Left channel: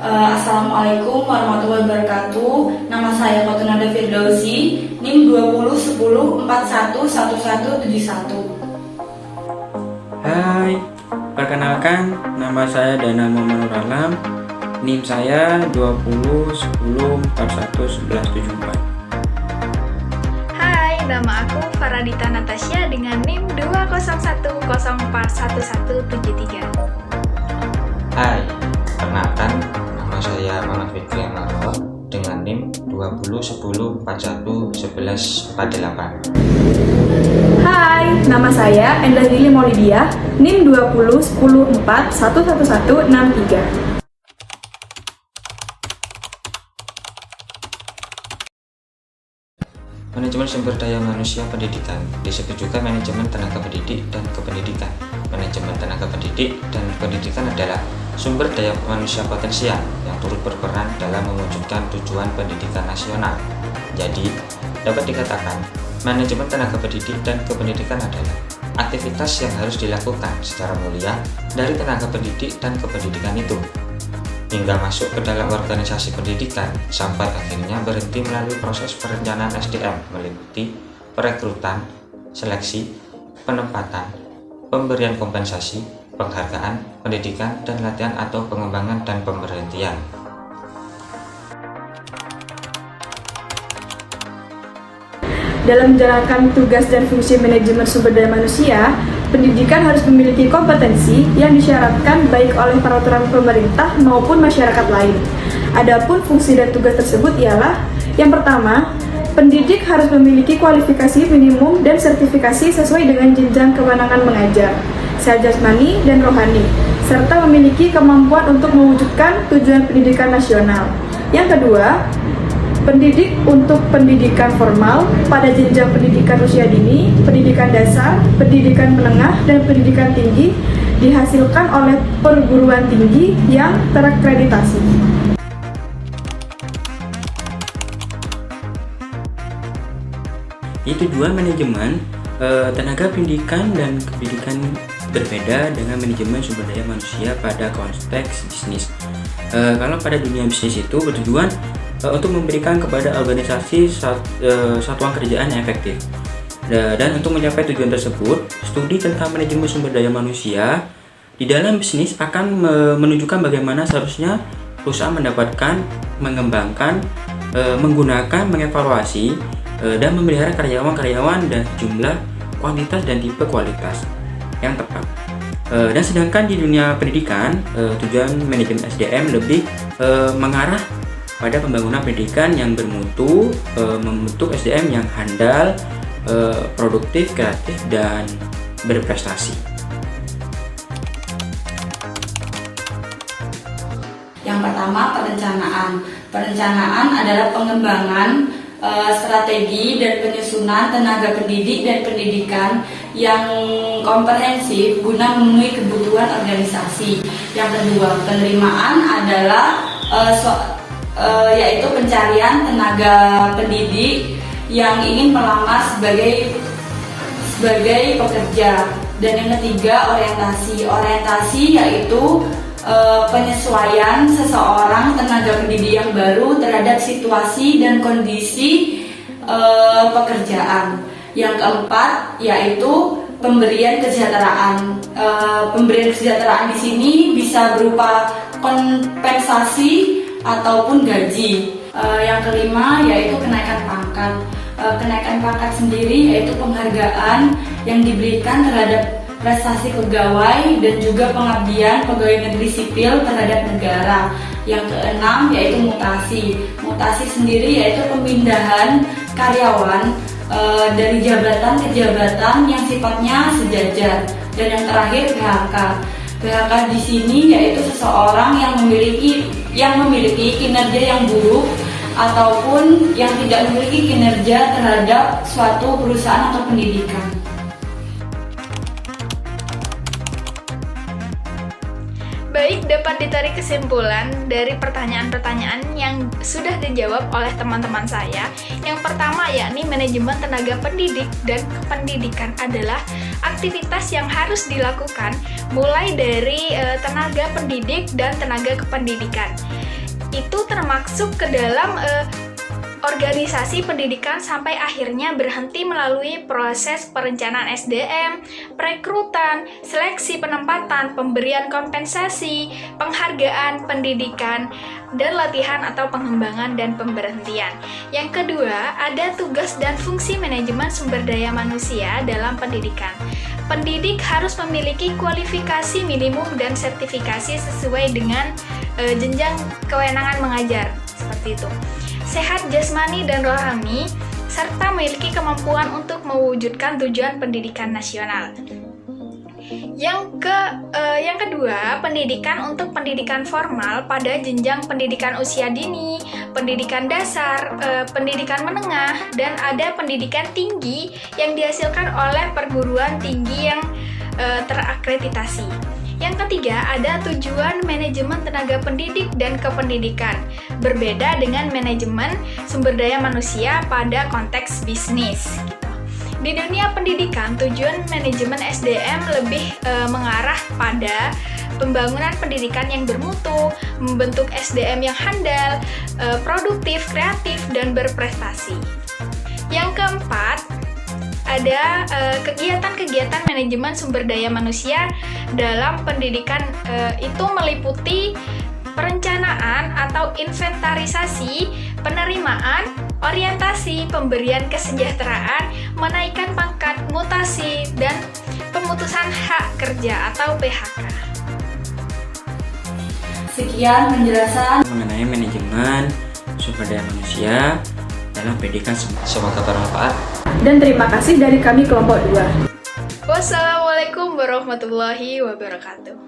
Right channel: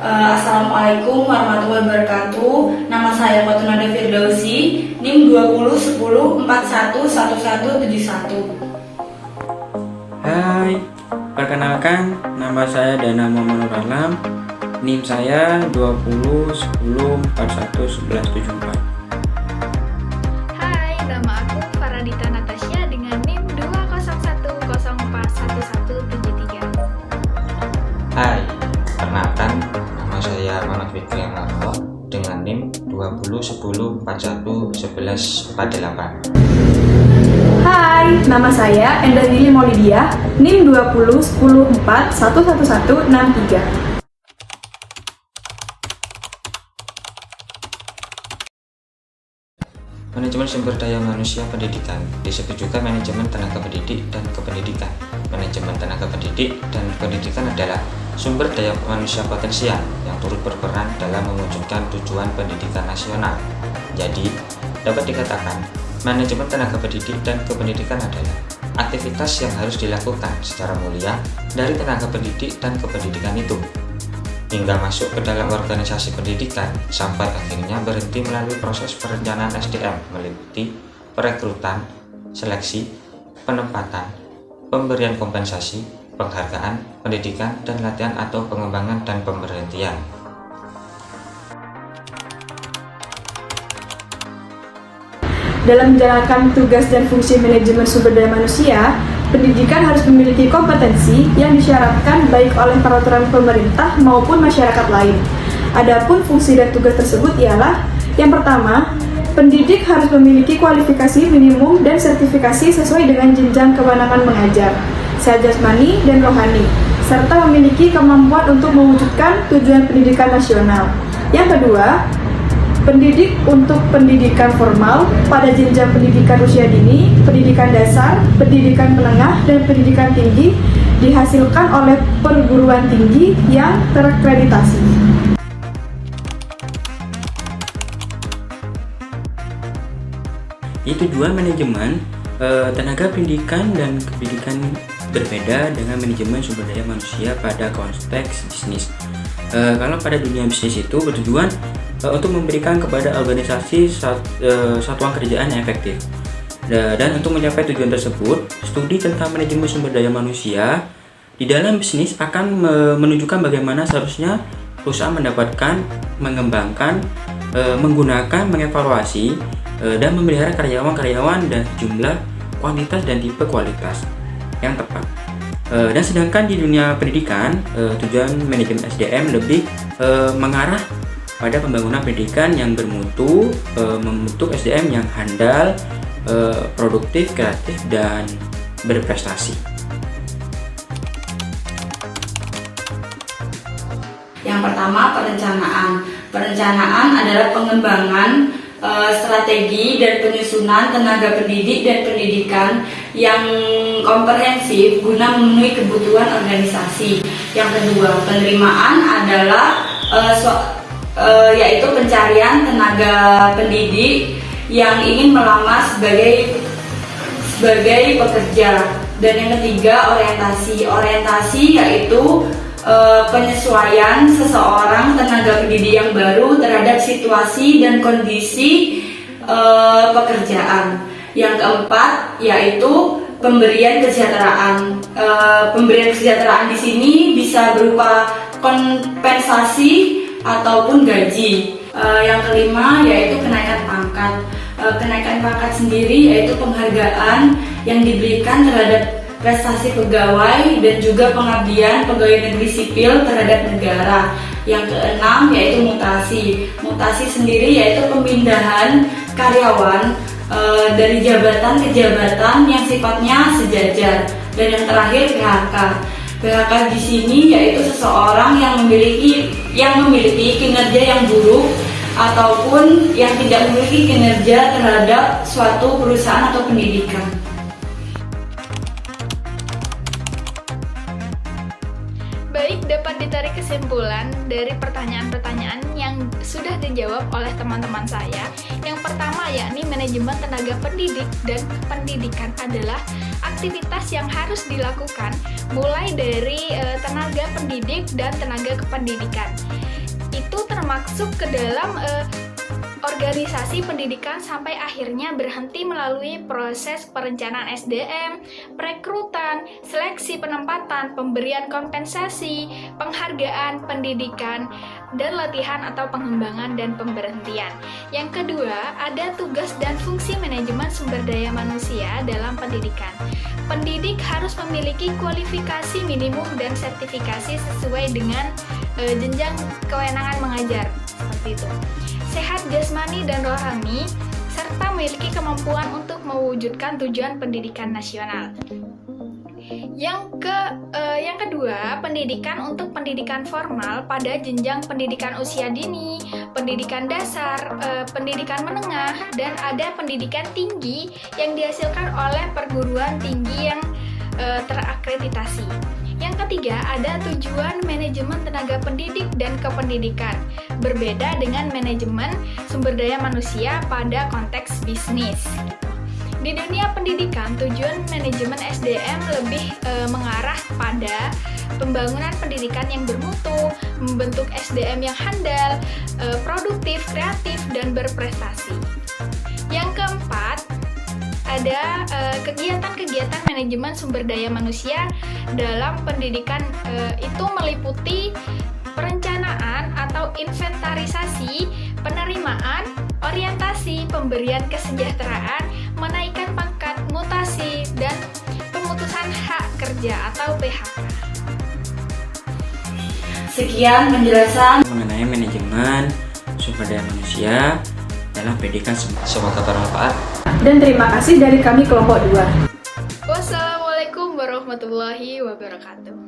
Assalamualaikum warahmatullahi wabarakatuh. Nama saya Kotunada Firdausi, NIM 2010411171. Hai, perkenalkan nama saya Dana Muhammad Nur Alam. NIM saya 2010411174. Hai, nama aku Faradita Natasha dengan NIM 201041173. Hai, perkenalkan nama saya Muhammad Fikri Amarto dengan NIM 2010411148. Hai, nama saya Endah Lili Maulidiah, NIM 2010411163. Manajemen sumber daya manusia pendidikan disebut juga manajemen tenaga pendidik dan kependidikan. Manajemen tenaga pendidik dan pendidikan adalah sumber daya manusia potensial yang turut berperan dalam mewujudkan tujuan pendidikan nasional. Jadi, dapat dikatakan manajemen tenaga pendidik dan kependidikan adalah aktivitas yang harus dilakukan secara mulia dari tenaga pendidik dan kependidikan itu, hingga masuk ke dalam organisasi pendidikan sampai akhirnya berhenti melalui proses perencanaan SDM meliputi perekrutan, seleksi, penempatan, pemberian kompensasi, penghargaan, pendidikan, dan latihan atau pengembangan dan pemberhentian. Dalam menjalankan tugas dan fungsi manajemen sumber daya manusia, pendidikan harus memiliki kompetensi yang disyaratkan baik oleh peraturan pemerintah maupun masyarakat lain. Adapun fungsi dan tugas tersebut ialah: yang pertama, pendidik harus memiliki kualifikasi minimum dan sertifikasi sesuai dengan jenjang kewenangan mengajar, secara jasmani dan rohani, serta memiliki kemampuan untuk mewujudkan tujuan pendidikan nasional. Yang kedua, pendidik untuk pendidikan formal pada jenjang pendidikan usia dini, pendidikan dasar, pendidikan menengah, dan pendidikan tinggi dihasilkan oleh perguruan tinggi yang terakreditasi. Tujuan manajemen tenaga pendidikan dan kependidikan berbeda dengan manajemen sumber daya manusia pada konteks bisnis. Kalau pada dunia bisnis itu bertujuan untuk memberikan kepada organisasi satuan kerjaan yang efektif. Dan untuk mencapai tujuan tersebut, studi tentang manajemen sumber daya manusia di dalam bisnis akan menunjukkan bagaimana seharusnya perusahaan mendapatkan, mengembangkan, menggunakan, mengevaluasi, dan memelihara karyawan-karyawan dan jumlah, kuantitas, dan tipe kualitas yang tepat. Dan sedangkan di dunia pendidikan, tujuan manajemen SDM lebih mengarah pada pembangunan pendidikan yang bermutu, membentuk SDM yang handal, produktif, kreatif, dan berprestasi. Yang pertama, perencanaan. Perencanaan adalah pengembangan strategi dan penyusunan tenaga pendidik dan pendidikan yang komprehensif guna memenuhi kebutuhan organisasi. Yang kedua, penerimaan adalah yaitu pencarian tenaga pendidik yang ingin melamar sebagai pekerja. Dan yang ketiga, orientasi yaitu penyesuaian seseorang tenaga pendidik yang baru terhadap situasi dan kondisi pekerjaan. Yang keempat yaitu pemberian kesejahteraan. Pemberian kesejahteraan di sini bisa berupa kompensasi ataupun gaji. Yang kelima yaitu kenaikan pangkat. Kenaikan pangkat sendiri yaitu penghargaan yang diberikan terhadap prestasi pegawai dan juga pengabdian pegawai negeri sipil terhadap negara. Yang keenam yaitu mutasi. Mutasi sendiri yaitu pemindahan karyawan dari jabatan ke jabatan yang sifatnya sejajar. Dan yang terakhir PHK. PHK di sini yaitu seseorang yang memiliki kinerja yang buruk ataupun yang tidak memiliki kinerja terhadap suatu perusahaan atau pendidikan. Baik, dapat ditarik kesimpulan dari pertanyaan-pertanyaan yang sudah dijawab oleh teman-teman saya. Yang pertama yakni manajemen tenaga pendidik dan kependidikan adalah aktivitas yang harus dilakukan mulai dari tenaga pendidik dan tenaga kependidikan. masuk ke dalam organisasi pendidikan sampai akhirnya berhenti melalui proses perencanaan SDM, perekrutan, seleksi penempatan, pemberian kompensasi, penghargaan pendidikan, dan latihan atau pengembangan dan pemberhentian. Yang kedua, ada tugas dan fungsi manajemen sumber daya manusia dalam pendidikan. Pendidik harus memiliki kualifikasi minimum dan sertifikasi sesuai dengan jenjang kewenangan mengajar, seperti itu. Sehat jasmani dan rohani, serta memiliki kemampuan untuk mewujudkan tujuan pendidikan nasional. Yang kedua, pendidikan untuk pendidikan formal pada jenjang pendidikan usia dini, pendidikan dasar, pendidikan menengah, dan ada pendidikan tinggi yang dihasilkan oleh perguruan tinggi yang terakreditasi. Yang ketiga, ada tujuan manajemen tenaga pendidik dan kependidikan. Berbeda dengan manajemen sumber daya manusia pada konteks bisnis. Di dunia pendidikan, tujuan manajemen SDM lebih mengarah pada pembangunan pendidikan yang bermutu, membentuk SDM yang handal, produktif, kreatif, dan berprestasi. Yang keempat, ada kegiatan-kegiatan manajemen sumber daya manusia dalam pendidikan itu meliputi perencanaan atau inventarisasi, penerimaan, orientasi, pemberian kesejahteraan, menaikkan pangkat, mutasi, dan pemutusan hak kerja atau PHK. Sekian penjelasan mengenai manajemen sumber daya manusia dalam pendidikan. Semoga bermanfaat. Dan terima kasih dari kami kelompok 2. Wassalamualaikum warahmatullahi wabarakatuh.